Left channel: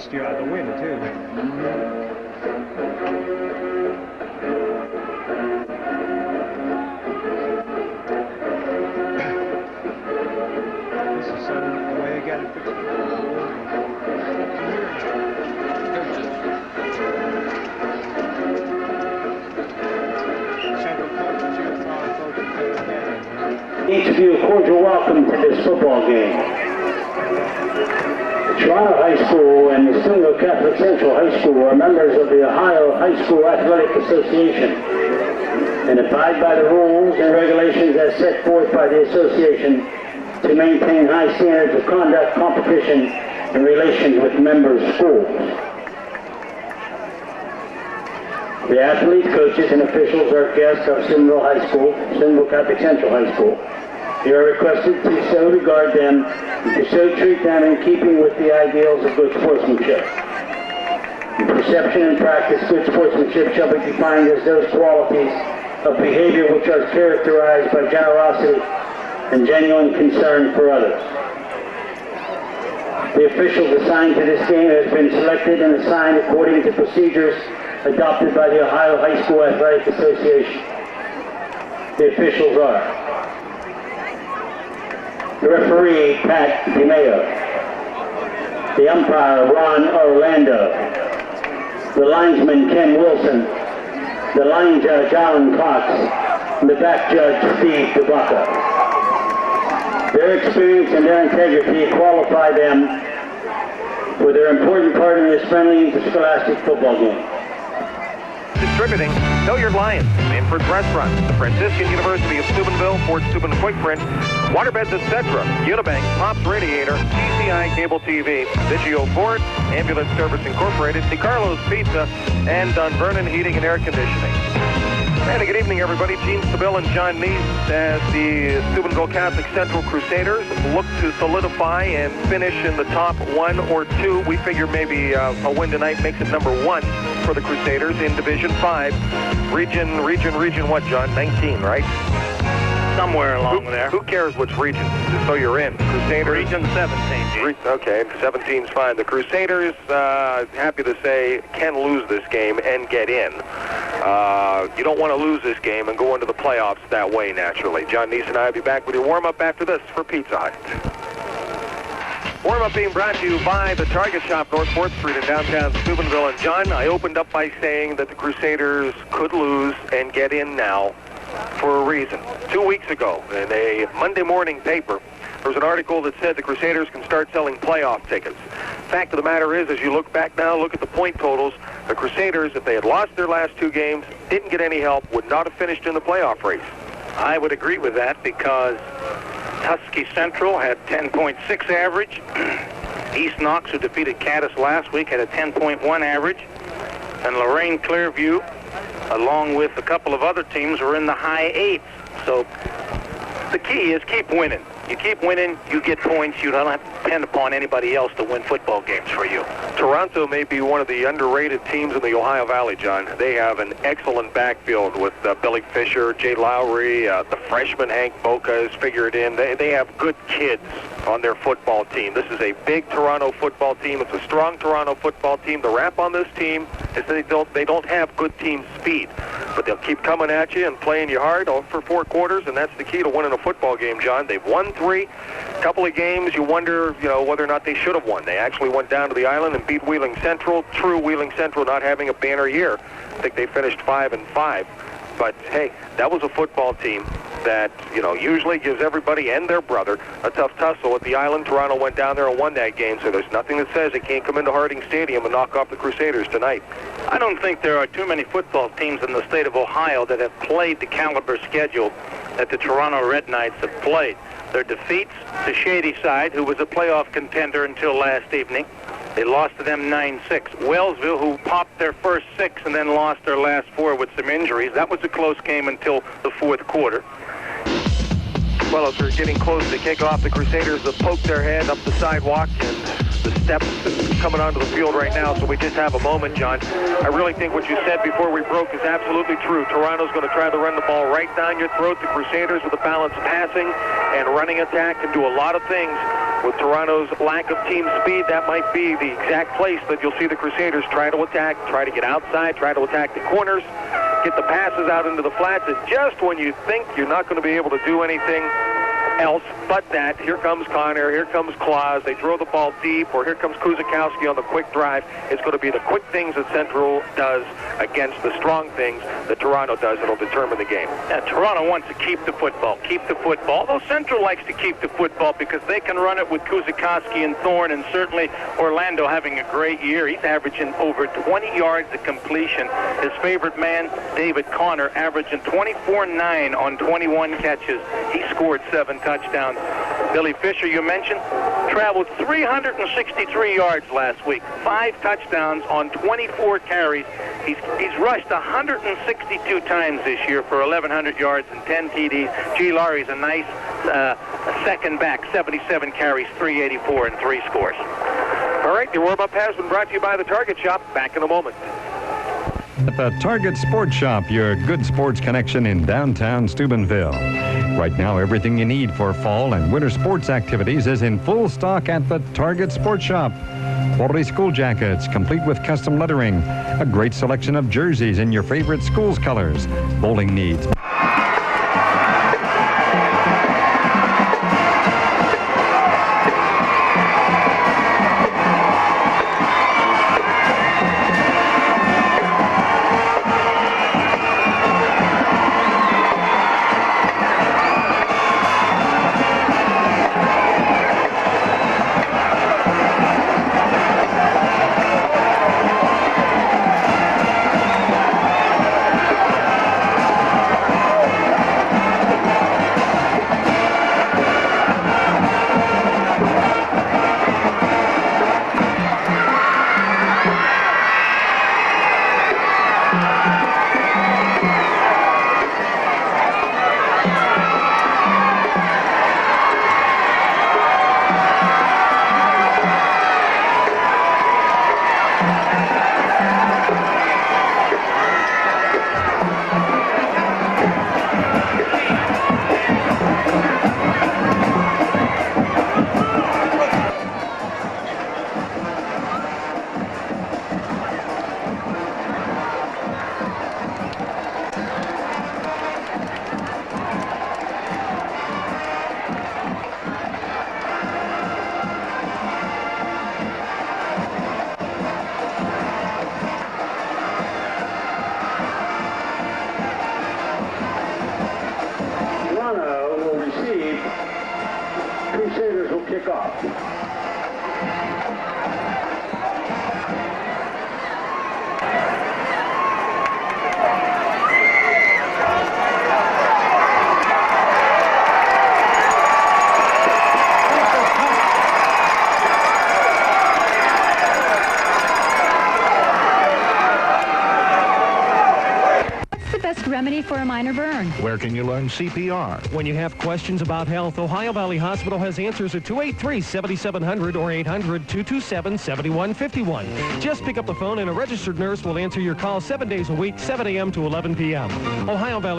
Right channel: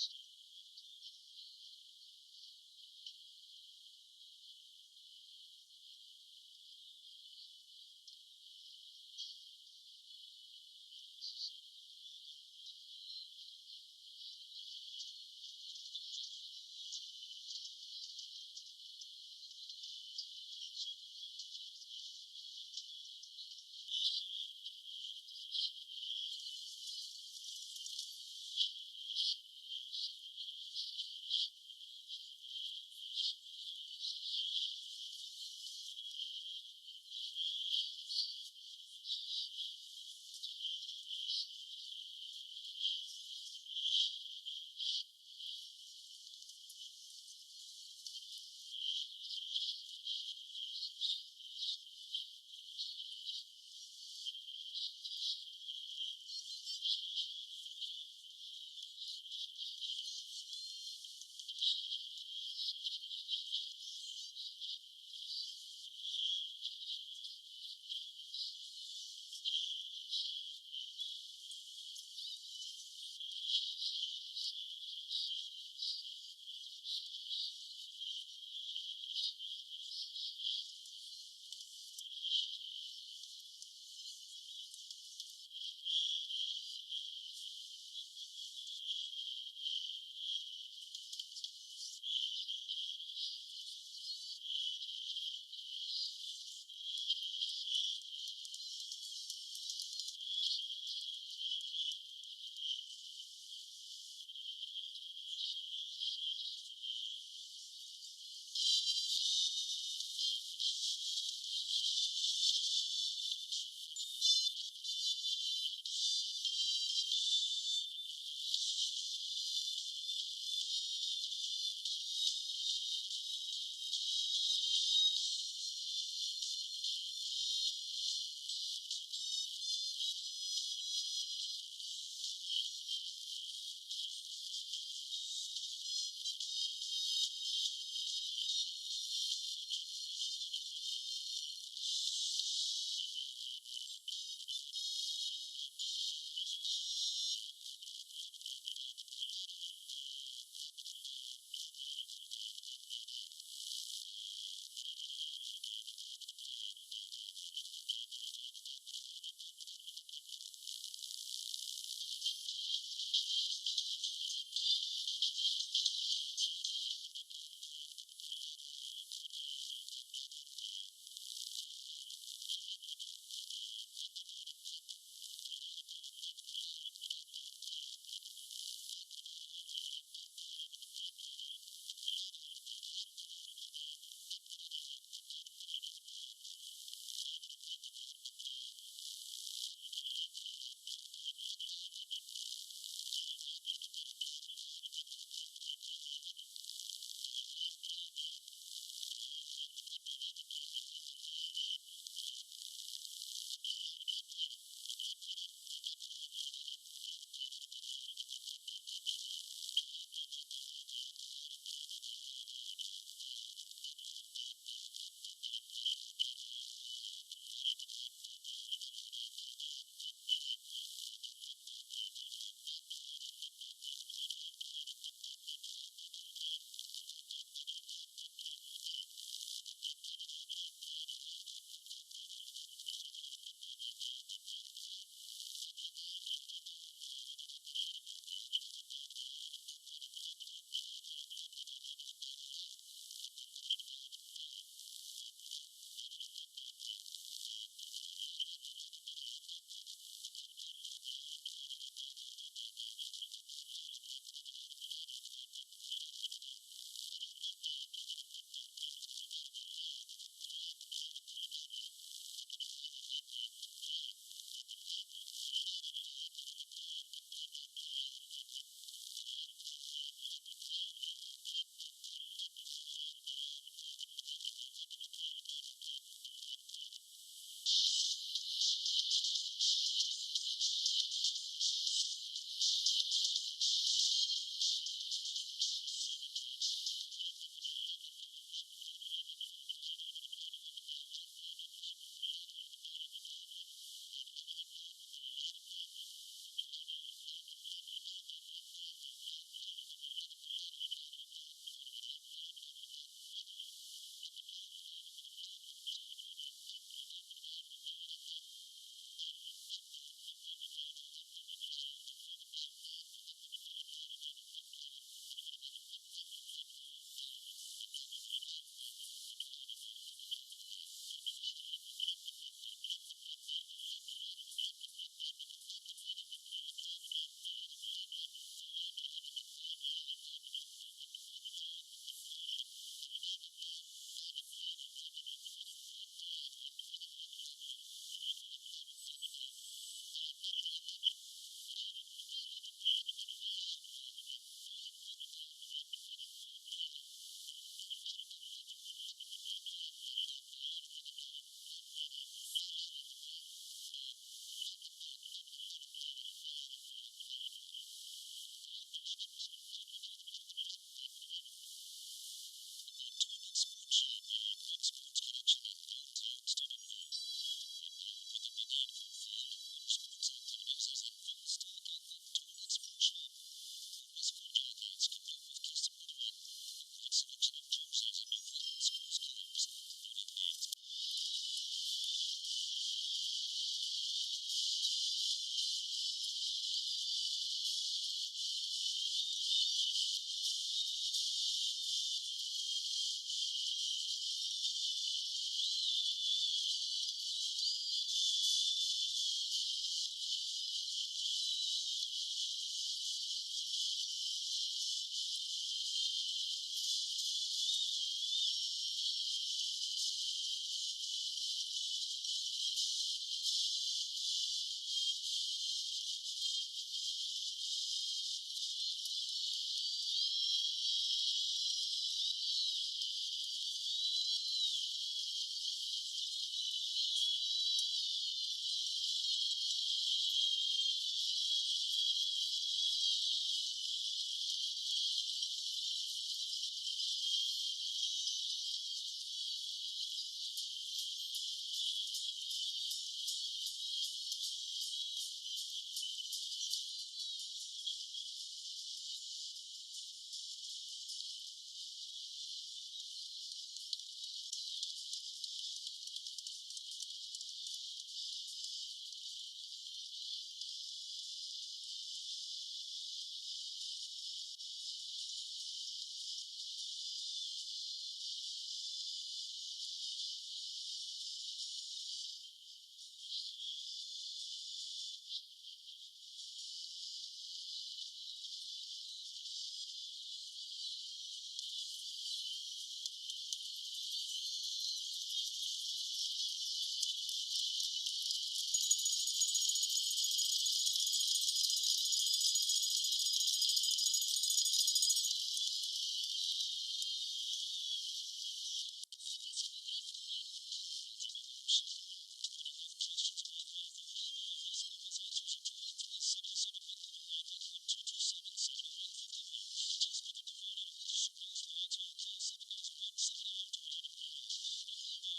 chased you out of the wind, too. This is the way they got it fixed. Each of you a cordial welcome to this football game. Toronto High School and the Steubenville Catholic Central High School are members of the Ohio High School Athletic Association and abide by the rules and regulations as set forth by the association to maintain high standards of conduct, competition, and relations with member schools. The athletes, coaches, and officials are guests of Steubenville High School, Steubenville Catholic Central High School. You are requested to so regard them and to so treat them in keeping with the ideals of good sportsmanship. In perception and practice, good sportsmanship shall be defined as those qualities of behavior which are characterized by generosity and genuine concern for others. The officials assigned to this game has been selected and assigned according to procedures adopted by the Ohio High School Athletic Association. The officials are the referee, Pat DeMeo, the umpire, Ron Orlando, the linesman, Ken Wilson, the line judge, Alan Cox, and the back judge, Steve DeBacca. Their experience and their integrity qualify them for their important part in this friendly interscholastic football game. Distributing Hilliard Lyons, Manfred's Restaurant, the Franciscan University of Steubenville, Fort Steuben Quick Print, Waterbeds, etc., Unibank, Pops Radiator, TCI Cable TV, Vigio Ford, Ambulance Service Incorporated, DeCarlo's Pizza, and Dunvernon Heating and Air Conditioning. And good evening, everybody. Gene Stabile and John Neese as the Steubenville Catholic Central Crusaders look to solidify and finish in the top 1 or 2. We figure maybe a win tonight makes it number 1 for the Crusaders in Division 5. Region what, John? 19, right? Somewhere along there. Who cares which region? Just so you're in. Crusaders. Region 17. Okay, 17's fine. The Crusaders, happy to say, can lose this game and get in. You don't want to lose this game and go into the playoffs that way, naturally. John Neese and I will be back with your warm-up after this for Pizza Hut. Warm-up being brought to you by the Target Shop, North 4th Street in downtown Steubenville. And John, I opened up by saying that the Crusaders could lose and get in now for a reason. 2 weeks ago, in a Monday morning paper, there was an article that said the Crusaders can start selling playoff tickets. Fact of the matter is, as you look back now, look at the point totals, the Crusaders, if they had lost their last 2 games, didn't get any help, would not have finished in the playoff race. I would agree with that because Husky Central had 10.6 average. East Knox, who defeated Caddis last week, had a 10.1 average. And Lorraine Clearview, along with a couple of other teams, were in the high 8s. So the key is keep winning. You keep winning, you get points. You don't have to depend upon anybody else to win football games for you. Toronto may be one of the underrated teams in the Ohio Valley, John. They have an excellent backfield with Billy Fisher, Jay Lowry, the freshman Hank Boca is figured in. They have good kids on their football team. This is a big Toronto football team. It's a strong Toronto football team. The rap on this team is that they don't have good team speed, but they'll keep coming at you and playing you hard for 4 quarters, and that's the key to winning a football game, John. They've won 3. Couple of games you wonder, whether or not they should have won. They actually went down to the island and beat Wheeling Central. True, Wheeling Central not having a banner year. I think they finished 5-5. But hey, that was a football team that, usually gives everybody and their brother a tough tussle at the island. Toronto went down there and won that game, so there's nothing that says they can't come into Harding Stadium and knock off the Crusaders tonight. I don't think there are too many football teams in the state of Ohio that have played the caliber schedule that the Toronto Red Knights have played. Their defeats to Shadyside, who was a playoff contender until last evening. They lost to them 9-6. Wellsville, who popped their first 6 and then lost their last 4 with some injuries. That was a close game until the 4th quarter. Well, as we're getting close to kickoff, the Crusaders have poked their head up the sidewalk and the steps coming onto the field right now, so we just have a moment, John. I really think what you said before we broke is absolutely true. Toronto's going to try to run the ball right down your throat. The Crusaders with a balanced passing and running attack can do a lot of things With Toronto's lack of team speed, that might be the exact place that you'll see the Crusaders try to attack, try to get outside, try to attack the corners, get the passes out into the flats, and just when you think you're not going to be able to do anything else but that, here comes Connor, here comes Claus, they throw the ball deep, or here comes Kuzikowski on the quick drive. It's going to be the quick things that Central does against the strong things that Toronto does that'll determine the game. Yeah, Toronto wants to keep the football, although Central likes to keep the football because they can run it with Kuzikowski and Thorne, and certainly Orlando having a great year. He's averaging over 20 yards of completion. His favorite man, David Connor, averaging 24-9 on 21 catches. He scored 7 touchdowns. Billy Fisher, you mentioned, traveled 363 yards last week, 5 touchdowns on 24 carries. He's rushed 162 times this year for 1,100 yards and 10 TDs. G. Laurie's a nice second back, 77 carries, 384, and 3 scores. All right, your warm-up has been brought to you by the Target Shop. Back in a moment. At the Target Sports Shop, your good sports connection in downtown Steubenville. Right now, everything you need for fall and winter sports activities is in full stock at the Target Sports Shop. Quality school jackets, complete with custom lettering. A great selection of jerseys in your favorite school's colors. Bowling needs. Crusaders will kick off. Remedy for a minor burn. Where can you learn CPR? When you have questions about health, Ohio Valley Hospital has answers at 283-7700 or 800-227-7151. Just pick up the phone and a registered nurse will answer your call 7 days a week, 7 a.m. to 11 p.m. Ohio Valley